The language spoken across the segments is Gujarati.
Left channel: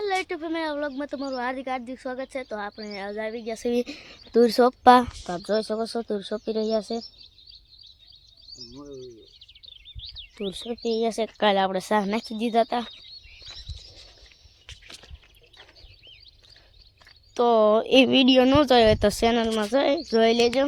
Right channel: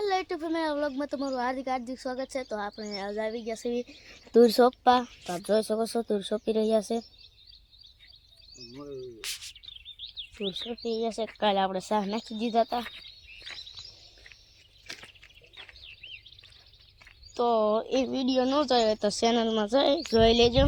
હાલો યુટ્યુબ ફેમિલી વ્લોગમાં તમારું હાર્દિક હાર્દિક સ્વાગત છે. તો આપણે આજ આવી ગયા છીએ તુર સોંપવા તો આપ જોઈ શકો છો તુર સોંપી રહ્યા છે. તુર સોંપી રહ્યા છે. કાલે આપણે શાહ નાખી દીધા હતા તો એ વીડિયો ન જોયો હોય તો ચેનલમાં જોઈ જોઈ લેજો.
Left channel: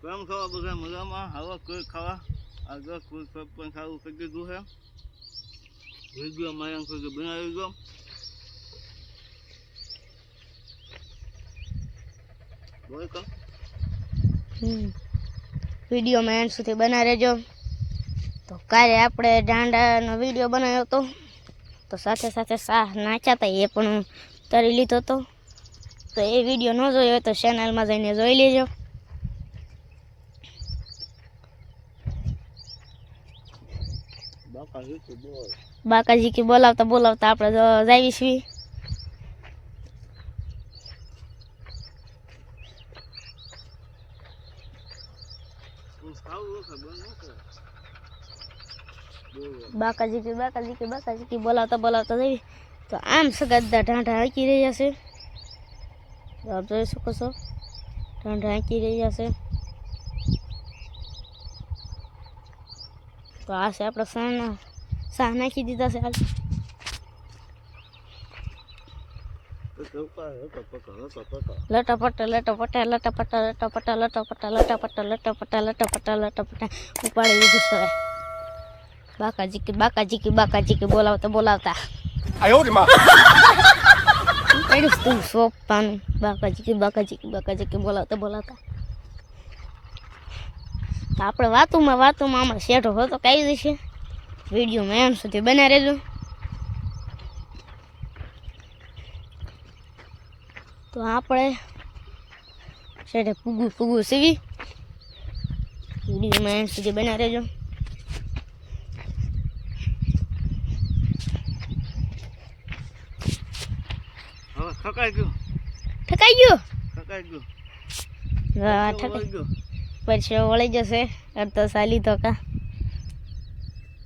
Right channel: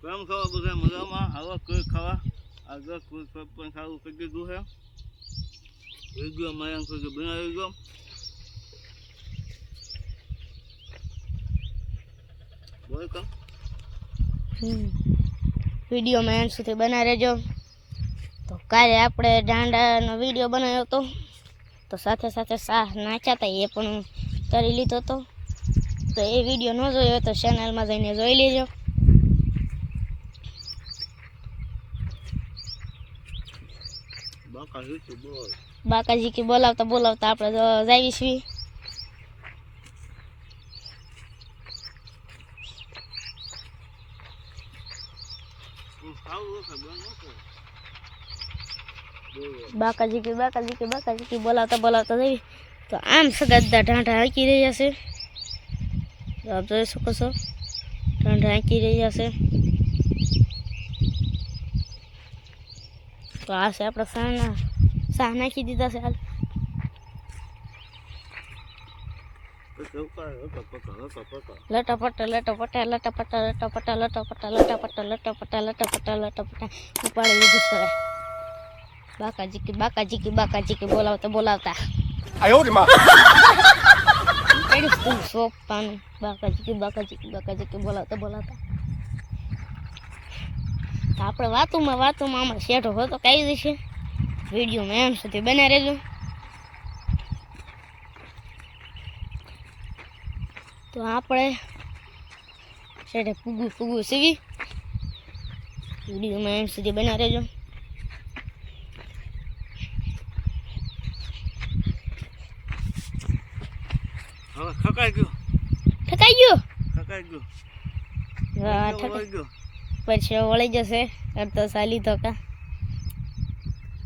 કેમ ખાવા બધા મજામાં? આવો કોઈ ખાવા? આગળ કોઈ કોઈ પણ ખાવું કરી દીધું છે વીડિયો માયા કોઈ બનાવી ગયો એન્ડ સુધી બના રહેજો. તો કાલે આપણે દાંડાનો વીડિયો બનાવ્યો હતો. તો સાથે સાથે સાહ નાચ્યા હતા એ પણ હું કરી લીધો હતો. તો એ વીડિયો ન જોયો તો ચેનલમાં જઈને જોઈ લેજો બાકા હીતું બોલ બાકાજી કે બોલાવતા બોલાવતા આપણે જાવી છીએ બાકાજી કે બાકાજી કે બાકાજી કે બોલાવતા બોલાવતા જઈ તો આમ સગદા ઢાંઢા હાંકી રહ્યા છે. આપ જોઈ શકો છો. ઢાંઢા હાંકી રહ્યા છે. તો આ છે આપણા સાના. સા નાખી દીધા છે લટપટ લટપટ લટપટ લટપટ લટપટ લટપટ લટપટ લટપટ લટપટ ઉપાડી લીધું છે. બાકાજી કે બાકાજી કે બાકાજી કે બોલાવતા બોલાવતા. આયો રે માં. એડી સ્કૂલ સોપાન. બાકાજી કે બાકાજી કે બાકાજી કે બોલાવતા બોલાવતા. આપણે વાતોમાં વાતોમાં આમાં શેઠો હતો કઈ દેશે વિડીયોમાં એમ સુધી બના રહેજો. તો આપણે શેઠે ફૂગું પૂગું સીવી વિડીયોમાં એમ સુધી બના રહેજો. ખકાઈ ગયું. ઠકાઈ ગયો? ખકાઈ ગયું. હા ઠકાઈ ગયું. પછી વળી જશે. અડધો સાલી તો કા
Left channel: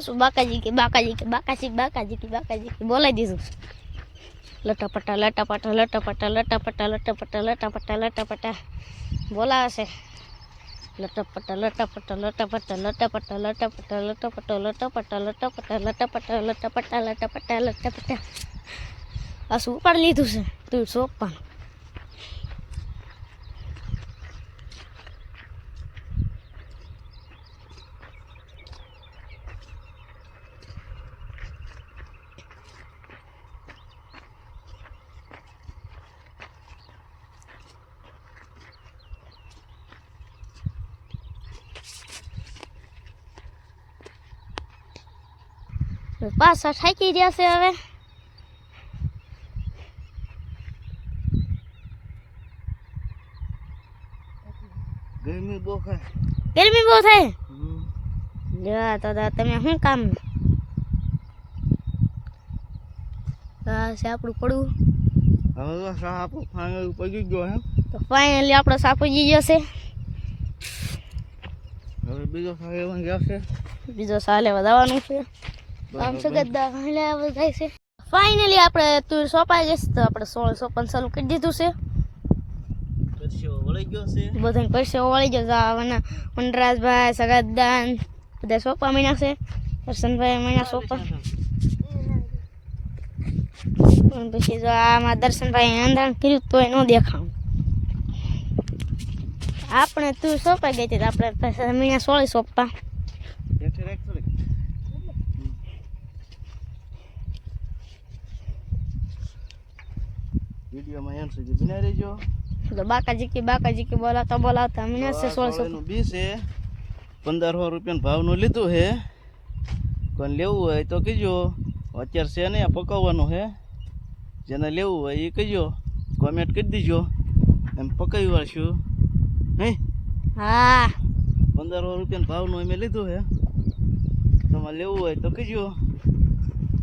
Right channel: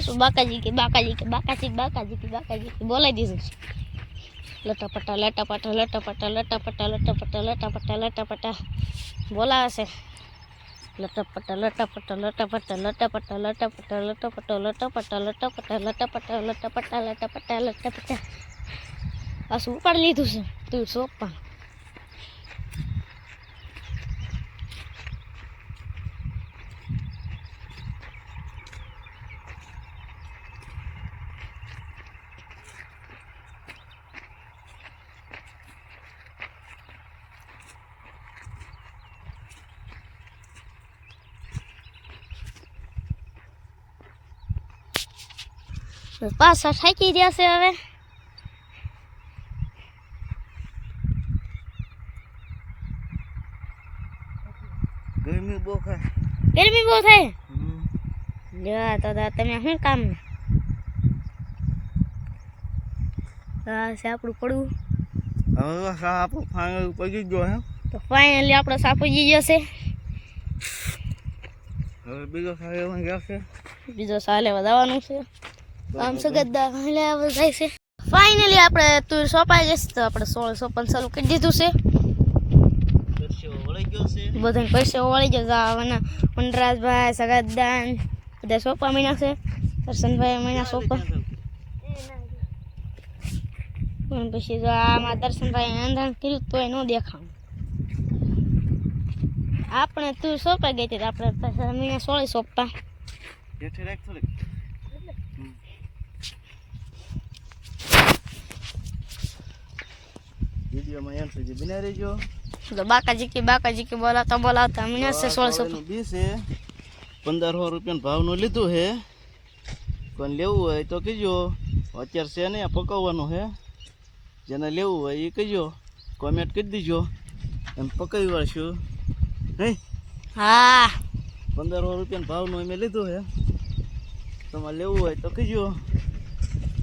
શું બાકાજી કે બાકાજી કે બાકાજી બાકાજી કે બાકાજી કે બોલાવી દીધું લટાપટા લટાપટા લટાપટા લટાપટા લટાપટા લટાપટા લટાપટા બોલાવે છે લટાપટા લટાપટા લટાપટા લટાપટા લટાપટા લટાપટા લટાપટા લટાપટા લટાપટા લટાપટા લટાપટા લટાપટા આ શું ઉપાડી લીધું છે તું સોપા પાછા થાકી રહ્યા છે હવે ગરમી બહુ ખાય ગરમી બહુ થાય હમ. લ્યો તો તો તમે શું કામ આ છે આપણું પડવું હવે સા આપણું ફાઇનલ પડી ગયો હે તો ફાઇનલી આપણો સાપુજી ગયો છે હવે બીજો સારો એવો જશે બીજો સાલે વધારવાનું છે આમ એટલે જાય છે. ફાઇનલી આપણે તું સોંપાઈ જશે તો આપણે સોળ સોપન ચાલુ કરી દીધું છે. બધા બધાને પૈસા વળી ગયો આવવાના વનરાજભાઈ સગદાન બધા સોંપા મહિના છે. દર્શનભાઈ મહિના સોપા. પણ પછી જો આમાં દર્શનભાઈ અંધાણ કર્યું તોય ન દેખાવ આપણે તું સોંપાઈ ગઈ હતી આપણે મહિના સોળે સોંપા. વિડીયોમાં એમ સુધી બનાવી રહેજો. તો બાકાજી કે બાકાજી કે બોલાવતા બોલાવતા. મહિના છે સોળ સોંપા નું બી છે. પંદરસો રૂપિયાના ભાવનું લીધું છે. કોને લેવું હોય તો કહેજો. અત્યારે છે ને પકાવવાનું છે. જેને લેવું હોય એ કહેજો. કોમેન્ટ કરી દીજો. એમ પકાવી વાળશું નહીં? હા. પંદરસો રૂપિયાનો ભાવનું અમે લીધું છે. તમારે લેવું હોય તો કહેજો.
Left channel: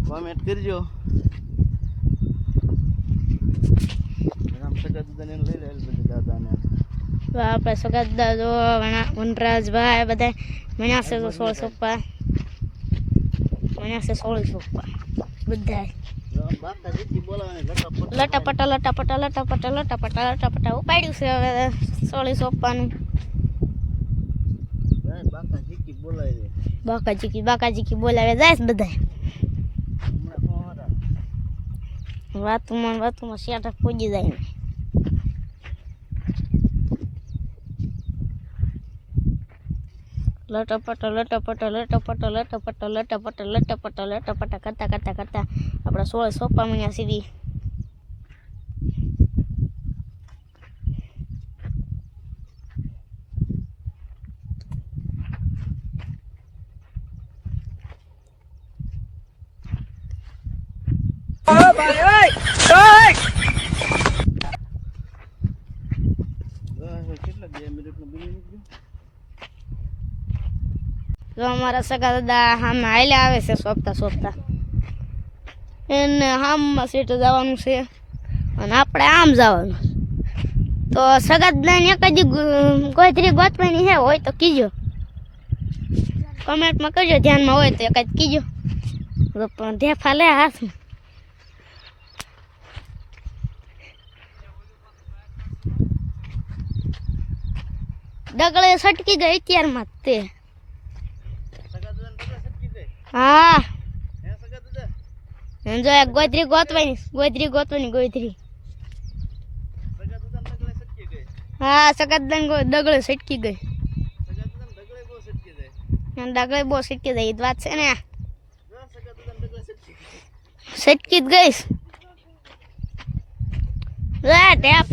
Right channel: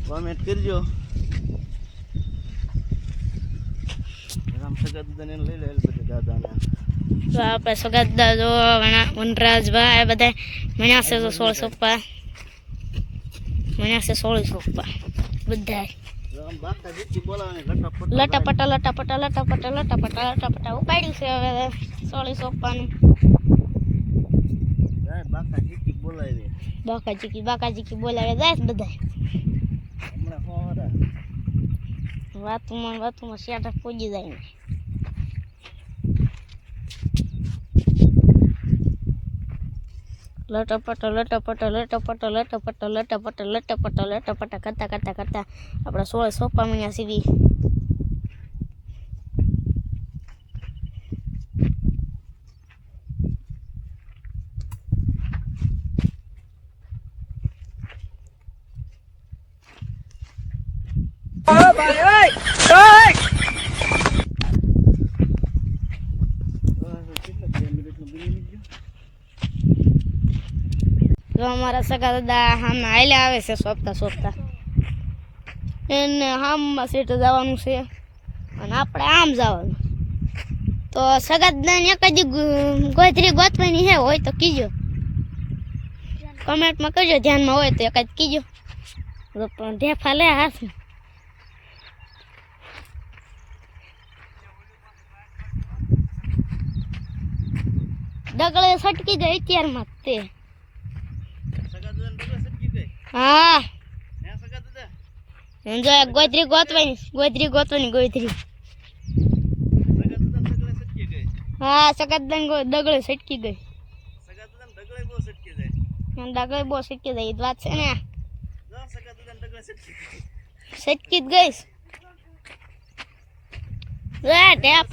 કોમેન્ટ કરજો સગા દાદાને લઈ લે બધા દાદાને તો આપણે સગા જો વનરાજભાઈ બધા મણ્યા છે તો સોળ સોપ્પા મણ્યા છે સોળ સોપ્પા બધા લટાપટ લટાપટા લટાપટા લટાપટા લટાપટા ઉપાડ્યું છે હવે સોળી સોપ્પાનું બાકા જીતી બોલાવે બાકાજીકી બાકાજીકી બોલાવે જાય બધા વાતુમાં ને વાતુમાં શેઠ પૂજી જાય ને લટપટ લટપટ લટપટ લટપટ લટપટ લટપટ લટપટ કરતા કરતા કરતા આપણા સોળ સોપા મહિના સુધી કેટલા બે મિનિટનું બની ગયું જો અમારા સગા દાદા આમ હાલ્યા આવે છે સોંપતા સોંપતા એને આમમાં સીટ જવાનું છે અને આપણે આમ જવાનું તો સગા દાદાને એક જ ગો- ગોતરી ગોતવાની છે હોય તો કીજો કમેન્ટમાં કરજો ધ્યાનમાં હોય તો એક જ કીજો તો પણ ધેફા લે હાથ ડગલે સટકી ગઈ અત્યારમાં જ તે. હા. જો એક ગોતવાની ગોતરી ગોતવાની ગઈ હા સગતદાન ડગળે સટકી ગઈ. ડગળે બહુ સટકી જાય એ વાત છે ને સટકી જ ગઈશ લે ટેપ સગા દાદાએ જો ટેપો લીધો સ- ડગલે સટકી ગઈ જો માર્યો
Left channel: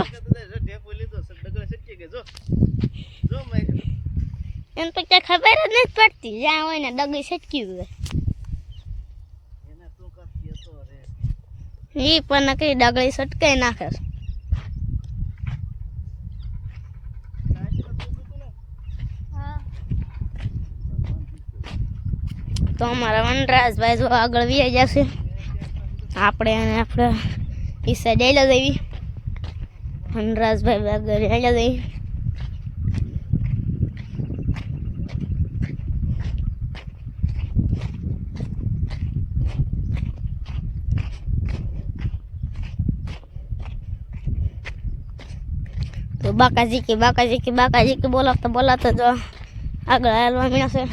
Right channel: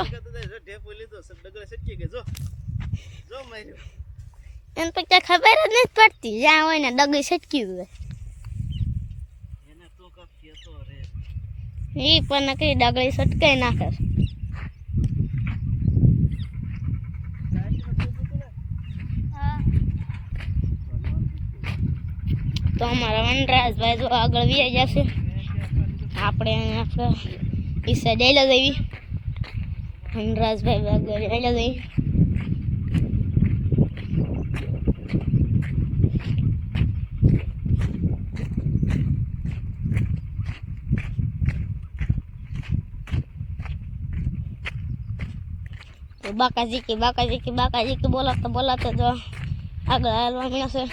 એને તો ક્યાં ખબર જ નથી પડતી. જ્યાં હોય ને ડગી છટકી હોય એ પણ કઈ ડગલી સટકાઈ નાખે. તો અમારા વનરાજભાઈ જો આગળ વી જશે. આપણે આપણે ઈસા સાઈડ આવેલા જઈએ આગળ આવેલા જઈએ તો બાકાજી કે બાકાજી કે બાકાજી કે બોલાવતા બોલાવતા જો આગળ હાલવા મળ્યા છે.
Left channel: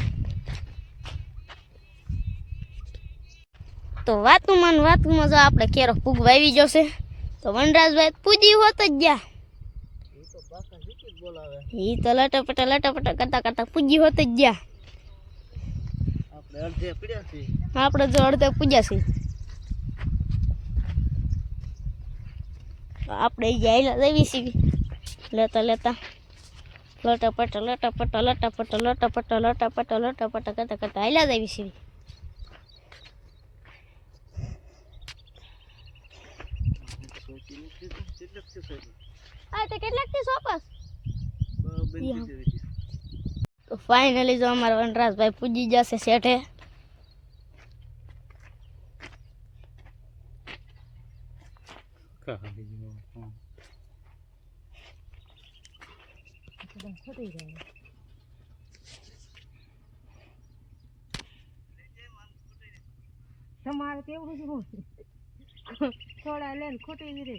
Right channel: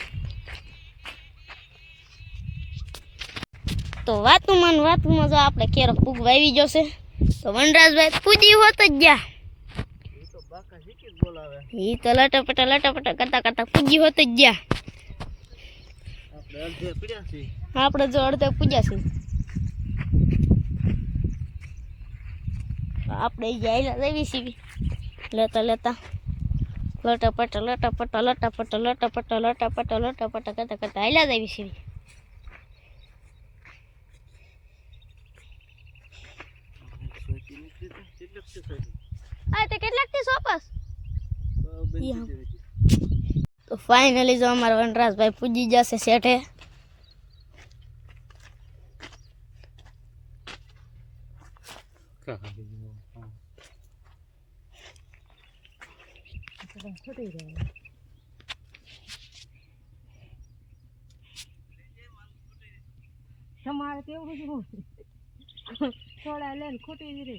તો વાતુમાં વાતુમાં જો આપણે કેરો ફૂગ વાવી જશે તો વનરાજભાઈ પૂજી હોત જ ગયા. એ તો લટપટા લટપટા કરતા કરતા પૂજી હોત જ ગયા. આપણે જો અડધે પૂજા છે તો આપણે જાય દેવી છીએ લેતા લેતા. લટપટ લટપટ લટપટ લટપટ લટપટ લટપટ કરતા કરતા હાલ્યા દેવી છીએ સોચી નથી આ તે કેટલાકથી સોપસ તો ફાઇનલી જો અમારા વનરાજભાઈ પૂજી જશે શેઠે. તમારે કેવું થોડા લઈને ખોટી રે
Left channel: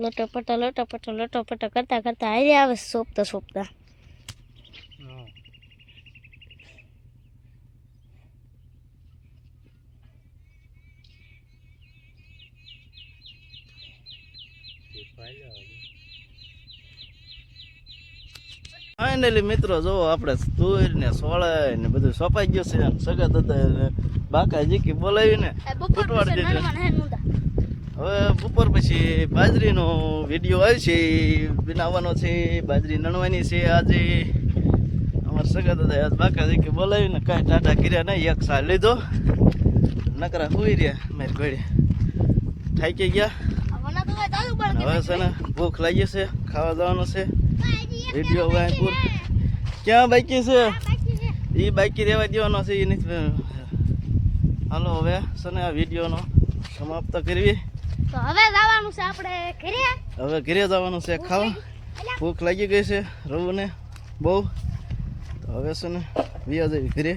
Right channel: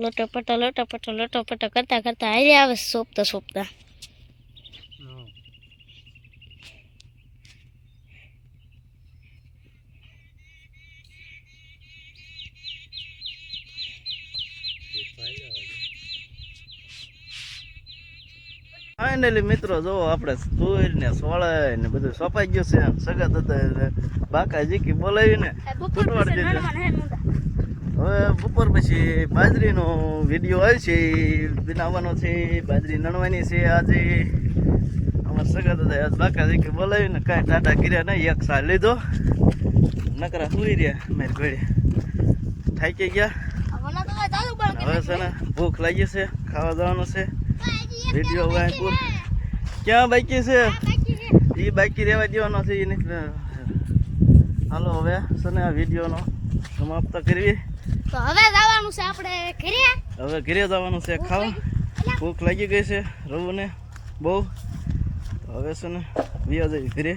લટપટા લોટો પટો કરતા કરતા હારે આવે સોપતા સોપતા. ફાઇનલી મિત્રો જો આપણે તુર ને સોળે ને બધું સોપાઈ ગયું છે સગા હતા બાકા જીકી બોલાવીને ને દીધું હવે બપોર પછી બાજરીનો વીડિયો આવે છે ઈ બનાવવાનો છે, બાજરી નણવાની છે, આજે અમારા સગા દાદા આજ બાકાજી કે બોલાવીને કાંઈ ટાટા કર્યા નહીં, એક સાર લીધો. નકરા સુઈ રહ્યા મેં ઘડી થાકી ગયા. હવે છે ને ભૂખ લાગી છે, ખાવા જવાનો છે. વીડિયો હવે પૂર. ક્યાં બાકી છે? એ બાકી રહેવા દેવાનો છે એ નથી હાલો હવે છે ને આ વિડીયોનો સમાપ્ત કરવી. તો હવે જવાનું છે આપણે ઘરે. હવે ઘરે જવાનું છે ખાવા. ભૂખ લાગી ગઈ છે રવુને બહુ. હવે છે ને વ્યા જવી ઘરે.